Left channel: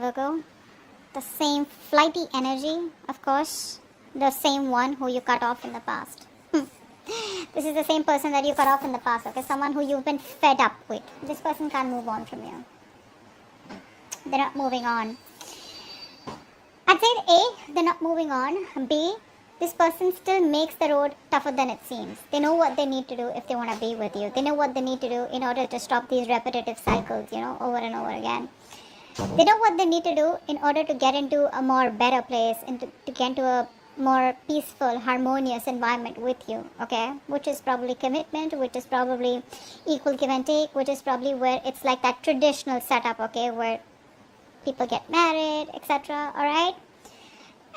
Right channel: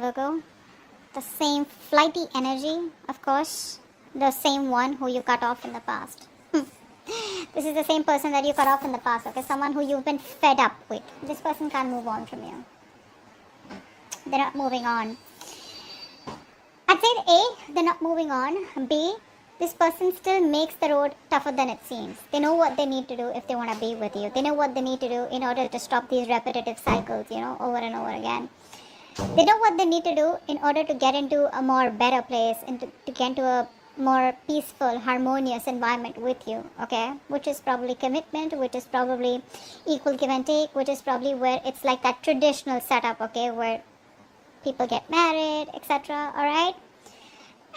Virgo. The same flighty energy, of course. The same one who you cut off in the past. This is the same person that you cut off in the past, okay? Someone who you've been fed up with. This person can't move on from you. They're not moving on. I'd say A, they're not moving on. B, this person still makes the road tougher than it seems. They know what they need to do if they want to be with you. They know what they need to do in order to stop these repetitive cycles, over and over again. They know what they need to do in order to get into a more better place and to get into a more peaceful, harmonious environment with you, okay? Which is probably commitment, which is probably equal give and take, which is probably where it's like that traditional setup, okay, where people get married, etc., alright?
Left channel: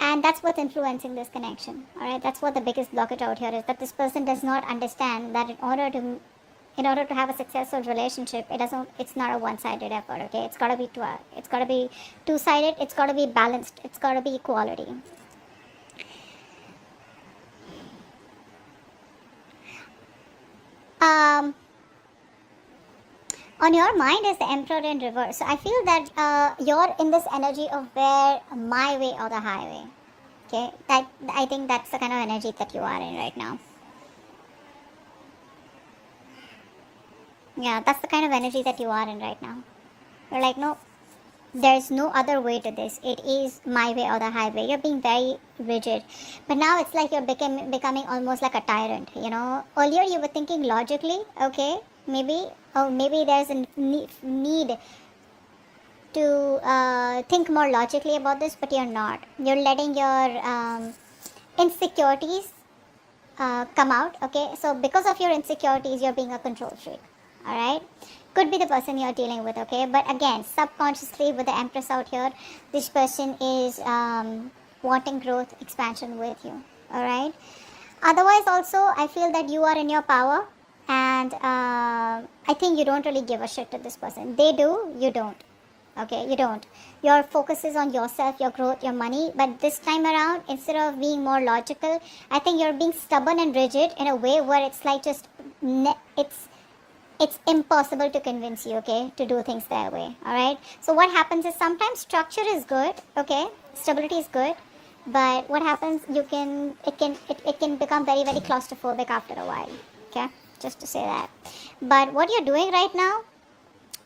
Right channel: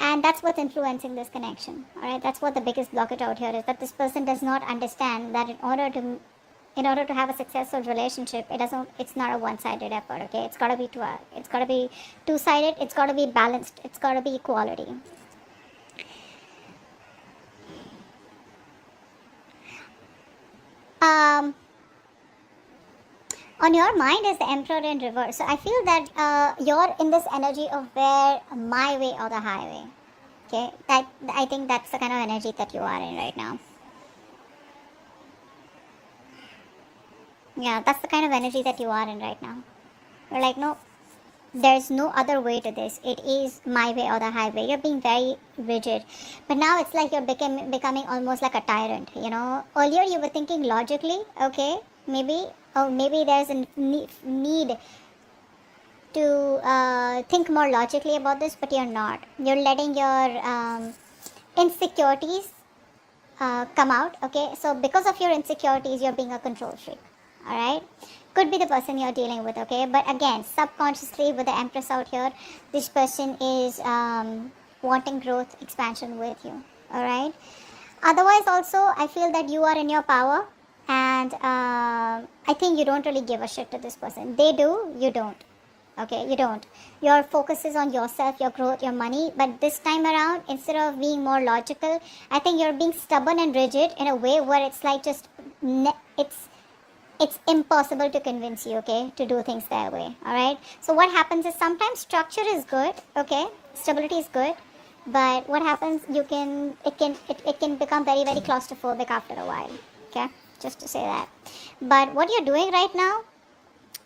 And that's what's influencing this connection, alright? That's what the biggest blockage out here is, that this person does not understand that in order to have a successful relationship, it's not a one-sided effort, okay? It's gotta be two-sided, it's gotta be balanced, it's gotta be equality. On your mind is the Emperor in reverse. So I feel that you're in this energy of where my way or the highway. Okay, I think that's the kind of energy that you are in right now. Yeah, that's the kind of energy that you are in right now. You're like, no, there's no other way to this. It is my way or the highway. You're being very rigid. But now it's like you're becoming almost like a tyrant, Earlier you were thinking logically, okay? Maybe there's a need to think more logically about this, but you're not. You're letting your insecurities come out, okay? So because of your insecurities, you're being a control freak, alright? Could be the person you're dealing with, okay? But again, subconsciously with the Empress out here, this person is wanting growth, expansion with you, alright? Otherwise also, I feel that you are in your power, and I think you don't really give a shit to this person. They do, you don't, okay? You don't. Your focus is on yourself, your growth, your money, but this time around, instead of being more logical, I think you're being stubborn and rigid in a way where it's like just, it's impossible to convince you, okay, to do things their way, alright? So what happens is sometimes structure is good, okay, stability is good, but what happens, it can become very, very claustrophobic after a while, okay, just to say that. But what you're doing right now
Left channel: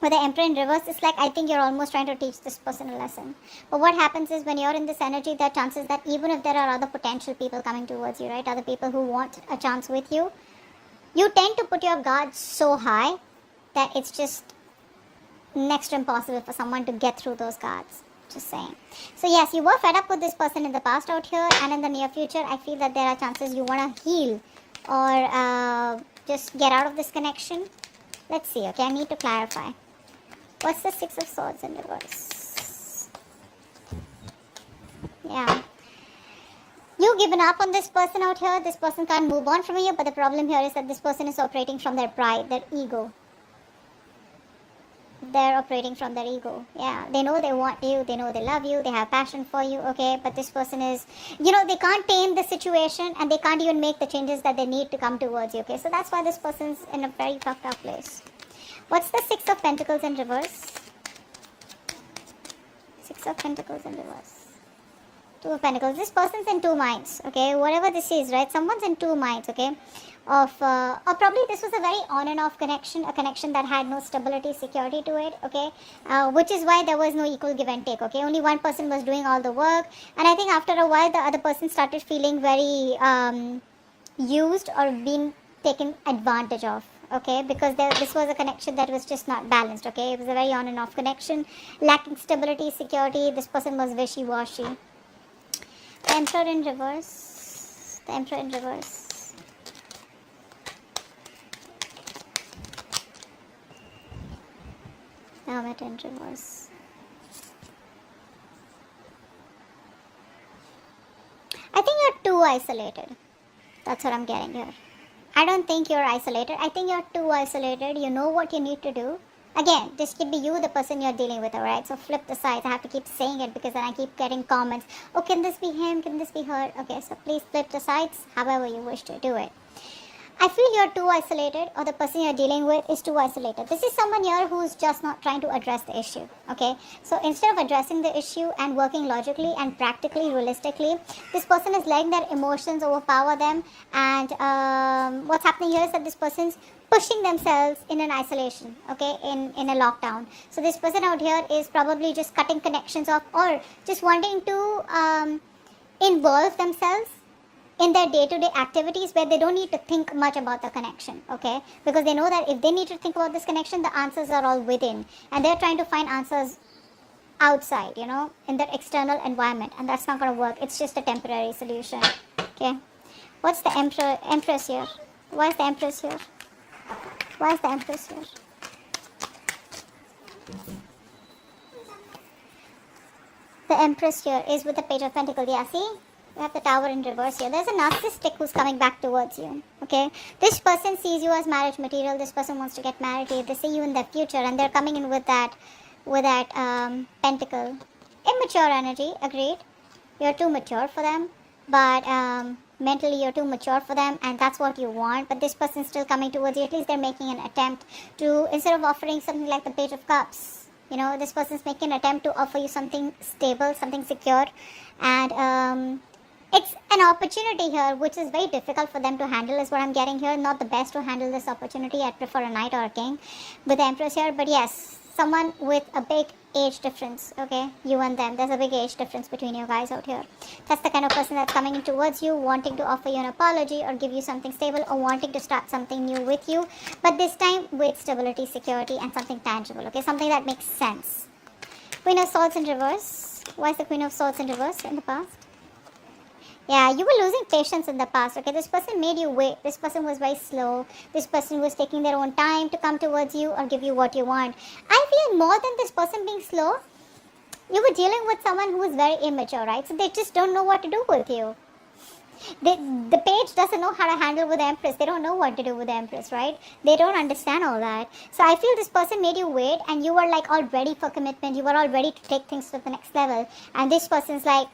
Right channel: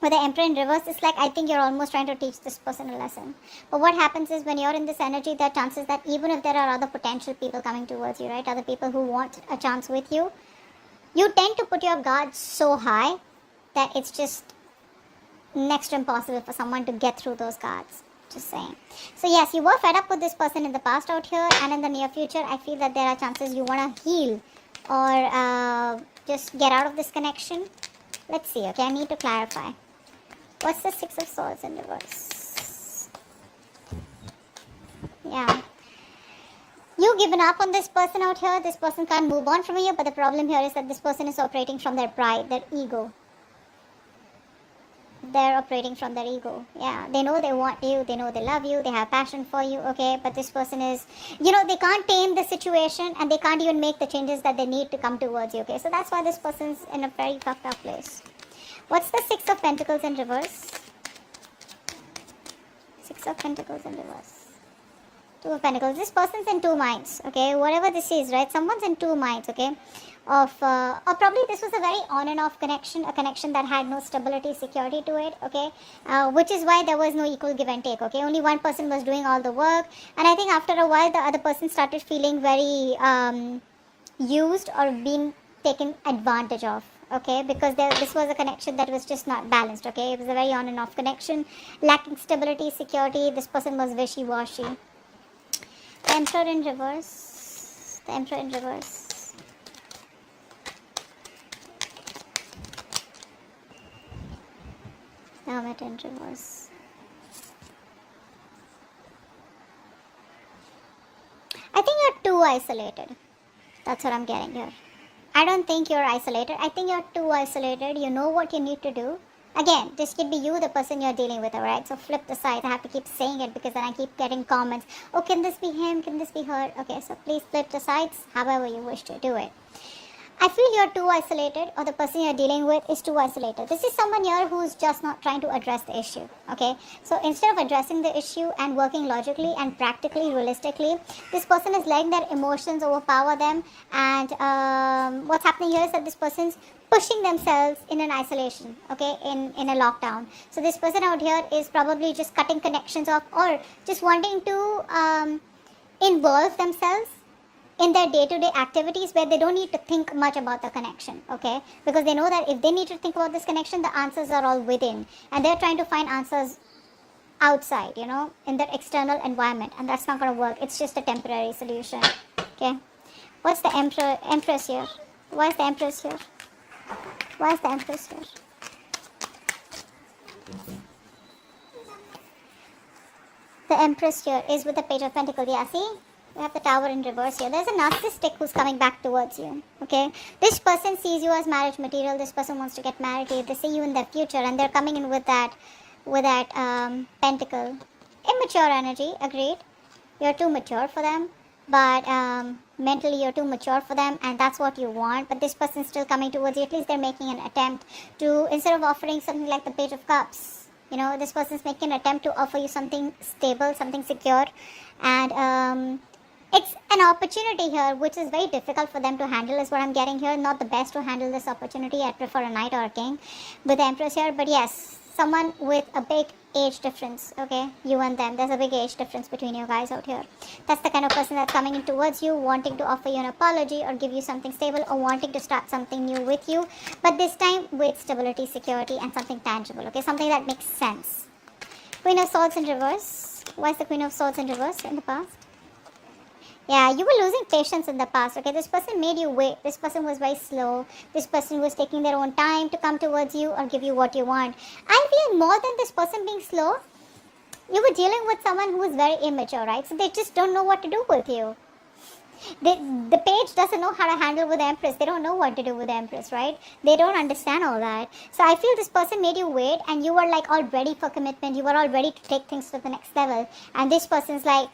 with the Emperor in reverse is like, I think you're almost trying to teach this person a lesson. But what happens is when you're in this energy, there are chances that even if there are other potential people coming towards you, right, other people who want a chance with you, you tend to put your guards so high that it's just next to impossible for someone to get through those guards. Just saying. So yes, you were fed up with this person in the past out here, and in the near future, I feel that there are chances you want to heal or just get out of this connection. Let's see, okay, I need to clarify. What's the Six of Swords in reverse? Yeah. You've given up on this person out here. This person can't move on from you, but the problem here is that this person is operating from their pride, their ego. They're operating from their ego. Yeah, they know they want you, they know they love you, they have passion for you, okay, but this person is, they can't tame the situation and they can't even make the changes that they need to come towards you, okay, so that's why this person's in a very fucked up place. What's the Six of Pentacles in reverse? Six of Pentacles in reverse. Two of Pentacles. This person's in two minds, okay? Whatever this is, right? Someone's in two minds, okay? Or probably this was a very on and off connection, a connection that had no stability, security to it, okay? Which is why there was no equal give and take, okay? Only one person was doing all the work, and I think after a while the other person started feeling very used or being taken advantage of, okay? Because this was a connection that was just not balanced, okay? It was a very on and off connection, lacking stability, security. This person was wishy-washy. The Emperor in reverse. The Emperor in reverse. The Hermit in reverse. I think you're too isolated. That's what I'm getting here. I don't think you're isolated. I think you're too isolated. You know what you need to do. Again, this could be you, the person you're dealing with, alright? So flip the sides. I have to keep saying it because then I keep getting comments. Oh, can this be him? Can this be her? Okay, so please flip the sides however you wish to do it. I feel you're too isolated, or the person you're dealing with is too isolated. This is someone here who's just not trying to address the issue, okay? So instead of addressing the issue and working logically and practically, realistically, this person is letting their emotions overpower them. And what's happening here is that this person's pushing themselves in an isolation, okay, in a lockdown. So this person out here is probably just cutting connections off, or just wanting to involve themselves in their day-to-day activities where they don't need to think much about the connection, okay? Because they know that if they need to think about this connection, the answers are all within, and they're trying to find answers outside, you know, in their external environment, and that's not going to work. It's just a temporary solution, okay? What's the Empress here? Why is the Empress here? Why is the Empress here? The Empress here is with the Page of Pentacles. Yeah, see? We have the Tower in reverse here. There's a narcissistic who's coming back towards you, okay? This person sees you as marriage material. This person wants to get married. They see you in their future, and they're coming in with that pentacle. Immature energy, agreed. You're too mature for them, but mentally you're too mature for them, and that's what you want. But this person's still coming towards you. At least they're making an attempt to, instead of offering something like the Page of Cups, you know, this person's making an attempt to offer you something stable, something secure, and it's an opportunity here which is very difficult for them to handle, is what I'm getting here. Not the best to handle this opportunity. I prefer a knight or a king with the Empress here. But yes, someone with a big age difference, okay? You and them. There's a big age difference between you guys out here. That's the kind of person that's coming in towards you, wanting to offer you an apology or give you something stable, or wanting to start something new with you. But this time with stability, security, and something tangible, okay? Something that makes sense. Queen of Swords in reverse. Why is the Queen of Swords in reverse in the past? Yeah, you were losing patience in the past, okay? This person made you wait. This person was very slow. This person was taking their own time to come towards you or give you what you want. I feel more than this person being slow, you were dealing with someone who is very immature, right? So they just don't know what to do with you. The page doesn't know how to handle with the Empress. They don't know what to do with the Empress, right? They don't understand all that. So I feel this person made you wait, and you were like all ready for commitment. You were all ready to take things to the next level. And this person's like,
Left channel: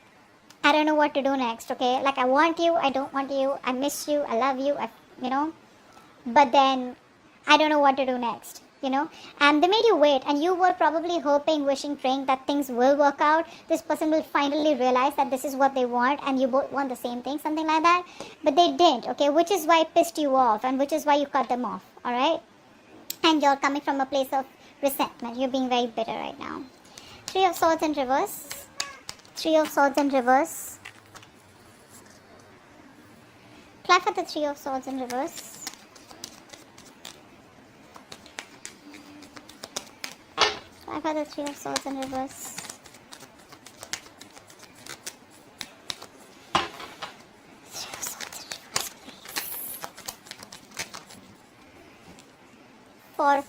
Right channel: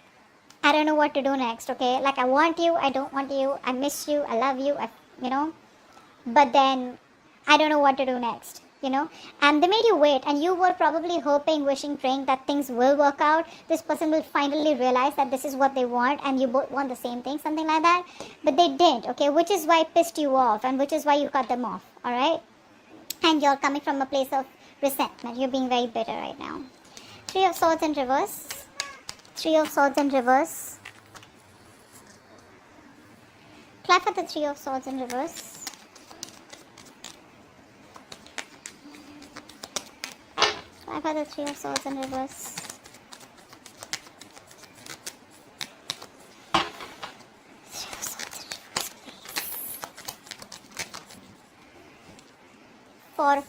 I don't know what to do next, okay? Like, I want you, I don't want you, I miss you, I love you, you know? But then, I don't know what to do next, you know? And they made you wait, and you were probably hoping, wishing, praying that things will work out. This person will finally realize that this is what they want, and you both want the same thing, something like that. But they didn't, okay? Which is why it pissed you off, and which is why you cut them off, alright? And you're coming from a place of resentment. You're being very bitter right now. Three of Swords in reverse. Three of Swords in reverse. Apply for the Three of Swords in reverse. Apply for the Three of Swords in reverse.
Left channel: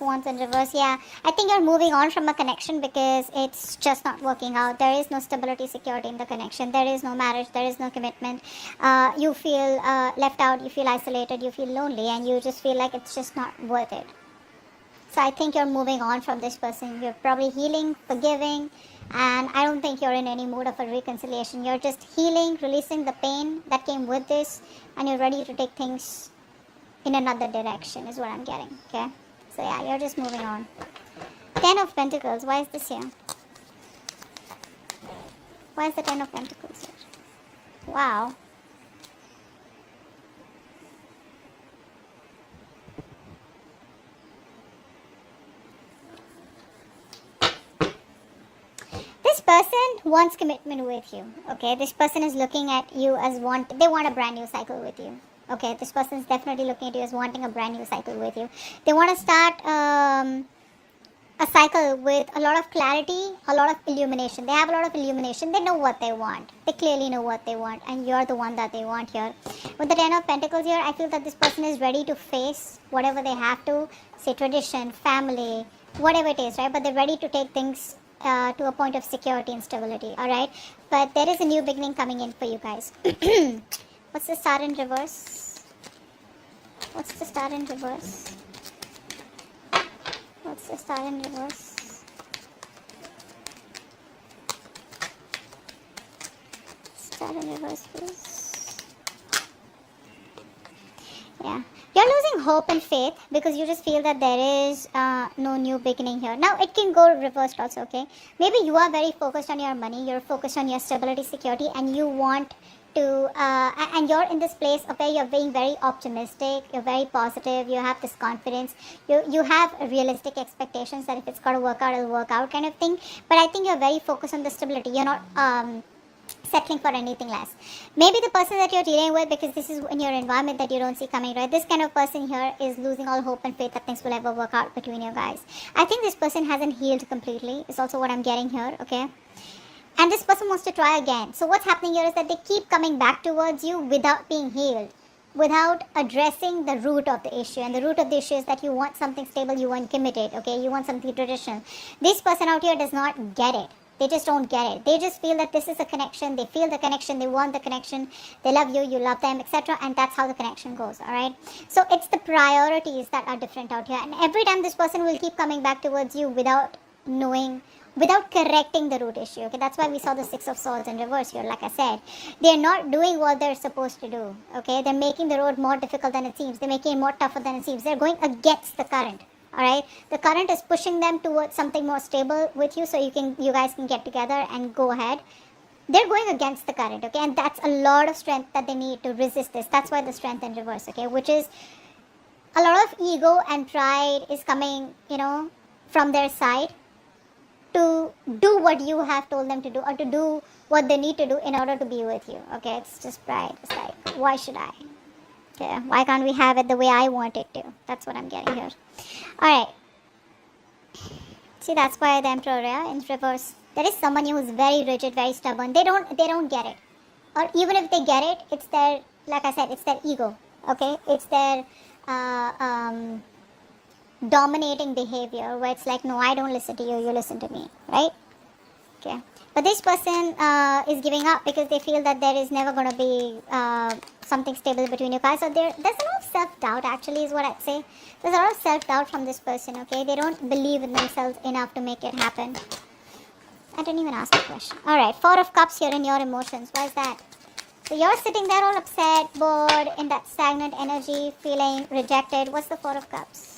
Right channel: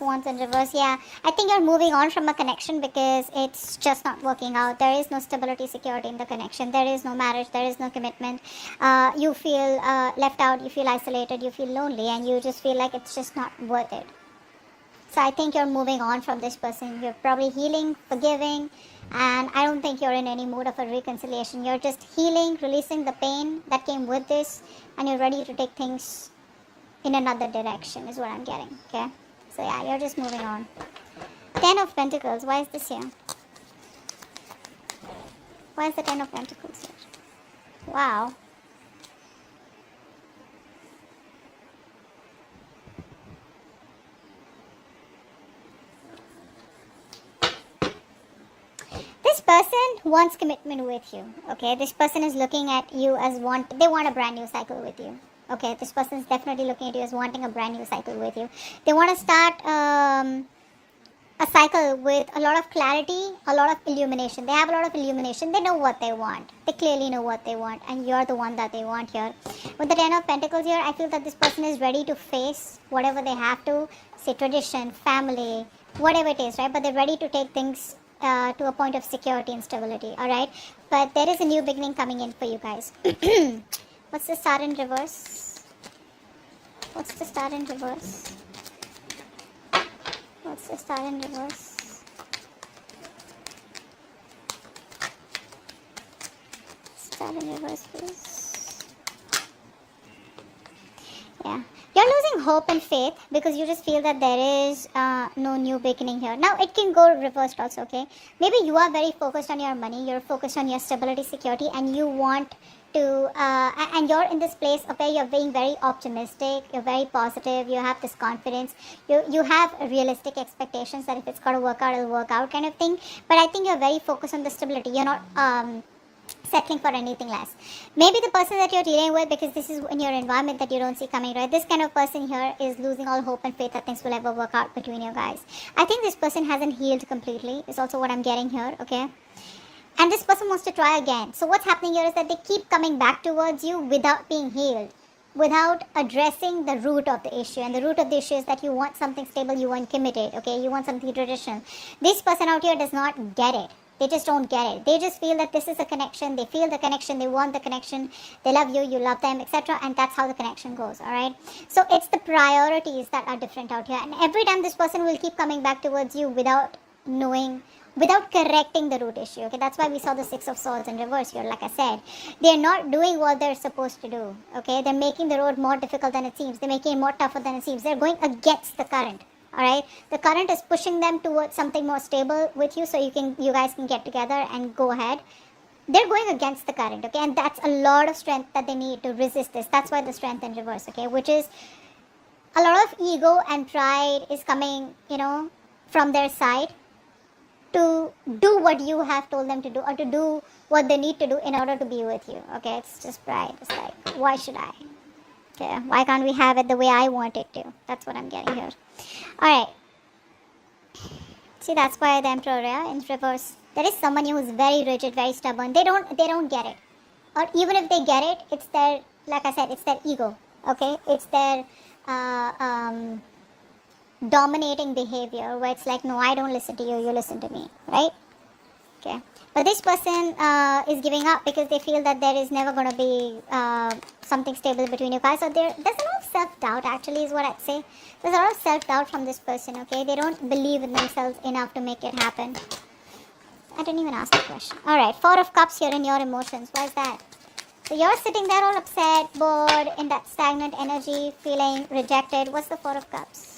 Wands in reverse. Yeah, I think you're moving on from a connection because it's just not working out. There is no stability, security in the connection. There is no marriage. There is no commitment. You feel left out. You feel isolated. You feel lonely, and you just feel like it's just not worth it. So I think you're moving on from this person. You're probably healing, forgiving, and I don't think you're in any mood of a reconciliation. You're just healing, releasing the pain that came with this, and you're ready to take things in another direction is what I'm getting, okay? So yeah, you're just moving on. 10 of Pentacles. Why is this here? Why is the 10 of Pentacles here? Wow. This person wants commitment with you. Okay, this person is looking at you as they want a brand new cycle with you. Okay, this person is definitely looking at you as wanting a brand new cycle with you. They want to start a cycle with a lot of clarity, a lot of illumination. They have a lot of illumination. They know what they want. They clearly know what they want, and you're the one that they want here. With the 10 of Pentacles here, I feel that this person is ready to face whatever they have to, say tradition, family, whatever it is, right? But they're ready to take things to a point of security and stability, alright? But there is a new beginning coming in for you guys. What's the Star in reverse? What's the Star in reverse? What's the Star in reverse? Star in reverse, please. Yeah. You're hope and faith because you just feel that there is no new beginning here. Now it can go reversed also, okay? Maybe you are very focused on your money, you're focused on your stability, security, and you want to, and you're in this place of where you're being very optimistic, you're very positive, you have this confidence, you have realistic expectations that if it's going to work out, it'll work out kind of thing. But I think you're very focused on the stability. You're not settling for anything less. Maybe the person that you're dealing with, because this is in your environment that you don't see coming, right? This kind of person here is losing all hope and faith that things will ever work out between you guys. I think this person hasn't healed completely, is also what I'm getting here, okay? And this person wants to try again. So what's happening here is that they keep coming back towards you without being healed, without addressing the root of the issue. And the root of the issue is that you want something stable, you want committed, okay? You want something traditional. This person out here does not get it. They just don't get it. They just feel that this is a connection. They feel the connection. They want the connection. They love you. You love them, etc. And that's how the connection goes, all right? So it's the priorities that are different out here. And every time this person will keep coming back towards you without knowing, without correcting the root issue, okay? That's why we saw the Six of Swords in reverse here, like I said. They're not doing what they're supposed to do, okay? They're making the road more difficult than it seems. They're making it more tougher than it seems. They're going against the current. All right, the current is pushing them towards something more stable with you, so you guys can get together and go ahead. They're going against the current, okay, and that's a lot of strength that they need to resist this. That's why the strength in reverse, okay, which is a lot of ego and pride is coming, from their side to do what you have told them to do, or to do what they need to do in order to be with you, okay. It's just pride. It's like, why should I? Okay, why can't we have it the way I want it to? That's what I'm getting here. Alright. See, that's why the Emperor, yeah, in reverse. There is someone who is very rigid, very stubborn. They don't get it. Or even if they get it, it's their, like I said, it's their ego. Okay? It's their dominating behavior where it's like, no, I don't listen to you, you listen to me. Right? Okay. But this person is giving up because they feel that there is never going to be something stable between you guys. So there's a lot of self-doubt, actually, is what I'd say. There's a lot of self-doubt from this person, okay? They don't believe in themselves enough to make it happen. I didn't even ask the question. Alright, Four of Cups here in your emotions. What is that? So you're sitting there all upset, bored, in that stagnant energy, feeling rejected. What's the Four of Cups?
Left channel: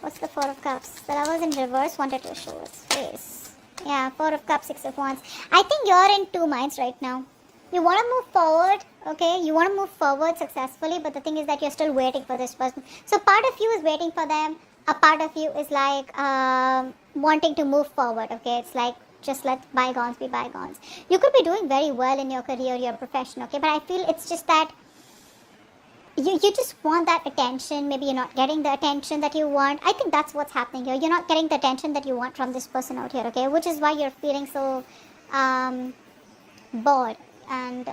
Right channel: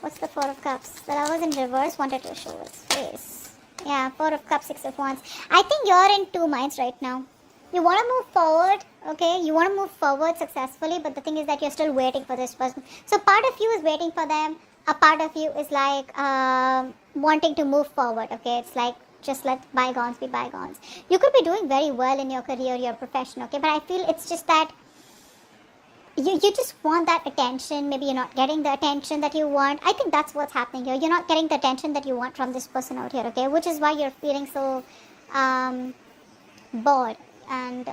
What's the Four of Cups? Well, I was in reverse, wanted to show its face. Yeah, Four of Cups, Six of Wands. I think you're in two minds right now. You want to move forward, okay? You want to move forward successfully, but the thing is that you're still waiting for this person. So part of you is waiting for them. A part of you is like wanting to move forward, okay? It's like just let bygones be bygones. You could be doing very well in your career, your profession, okay? But I feel it's just that you just want that attention. Maybe you're not getting the attention that you want. I think that's what's happening here. You're not getting the attention that you want from this person out here, okay? Which is why you're feeling so bored and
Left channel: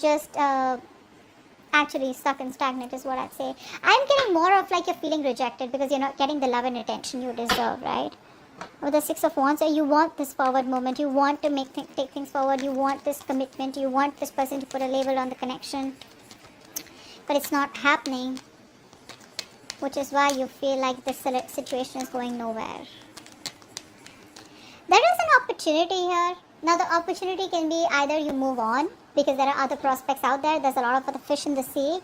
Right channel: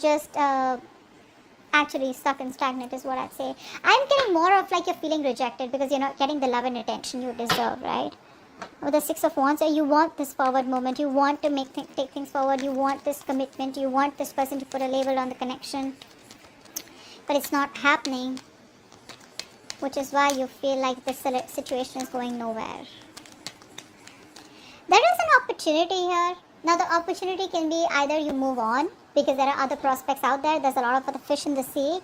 just actually stuck and stagnant is what I'd say. I'm getting more of like you're feeling rejected because you're not getting the love and attention you deserve, right? With the Six of Wands, you want this forward moment. You want to take things forward. You want this commitment. You want this person to put a label on the connection. But it's not happening, which is why you feel like this situation is going nowhere. There is an opportunity here. Now the opportunity can be either you move on because there are other prospects out there. There's a lot of other fish in the sea.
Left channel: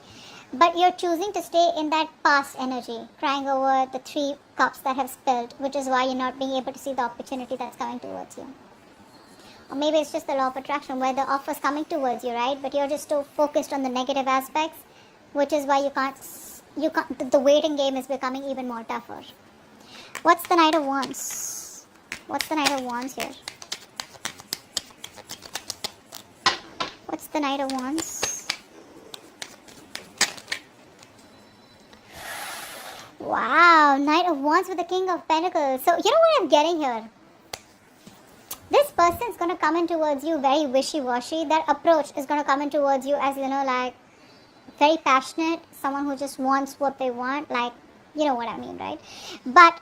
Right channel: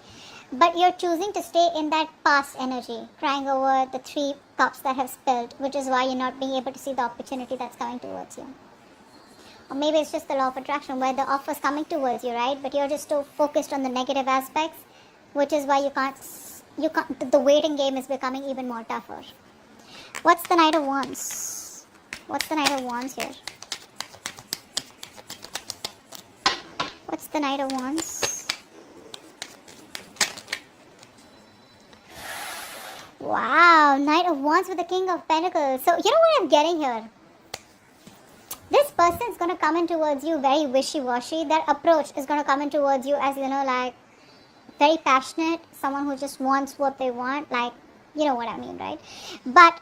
But you're choosing to stay in that past energy, crying over the Three Cups that have spilled, which is why you're not being able to see the opportunity that's coming towards you. Or maybe it's just the law of attraction where the offer's coming towards you, right? But you're just so focused on the negative aspects, which is why you can't, the waiting game is becoming even more tougher. What's the Knight of Wands? What's the Knight of Wands here? What's the Knight of Wands? Wow, Knight of Wands with the King of Pentacles. So, you know what I'm getting here? This person is going to come in towards you very wishy-washy. That approach is going to come in towards you as, like, very passionate. Someone who just wants what they want. Like, you know what I mean, right? But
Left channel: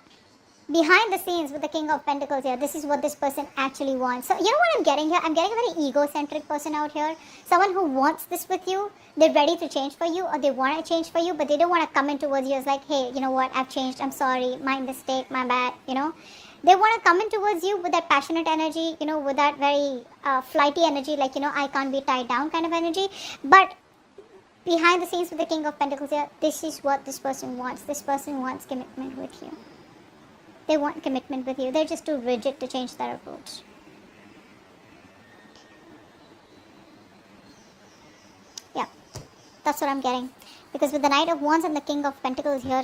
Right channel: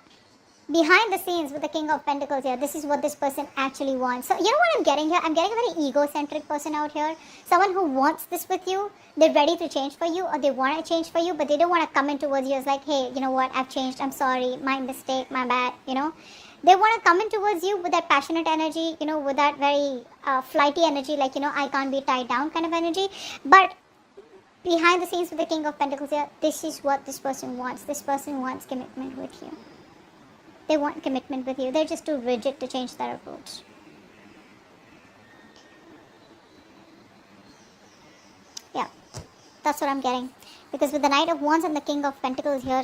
behind the scenes with the King of Pentacles here, this is what this person actually wants. So, you know what I'm getting here? I'm getting a very egocentric person out here. Someone who wants this with you. They're ready to change for you, or they want to change for you, but they don't want to come in towards you as like, hey, you know what, I've changed, I'm sorry, my mistake, my bad, They want to come in towards you with that passionate energy, with that very flighty energy, like, I can't be tied down kind of energy. But behind the scenes with the King of Pentacles here, this is what this person wants. This person wants commitment with you. They want commitment with you. They're just too rigid to change their approach. Yeah, that's what I'm getting. Because with the Knight of Wands and the King of Pentacles here,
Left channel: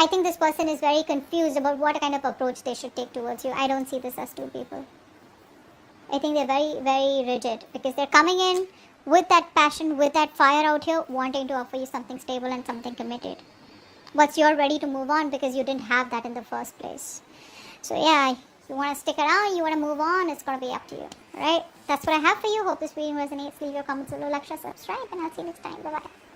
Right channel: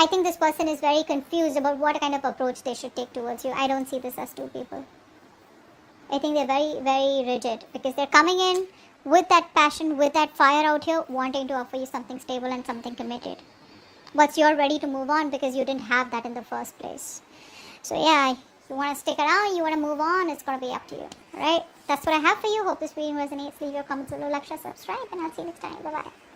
I think this person is very confused about what kind of approach they should take towards you. I don't see this as two people. I think they're very, very rigid because they're coming in with that passion, with that fire out here, wanting to offer you something stable and something committed. But you're ready to move on because you didn't have that in the first place. So yeah, if you want to stick around, you want to move on, it's going to be up to you. Alright? That's what I have for you. Hope this video resonates. Leave your comments below, like, share, subscribe, and I'll see you next time. Bye-bye.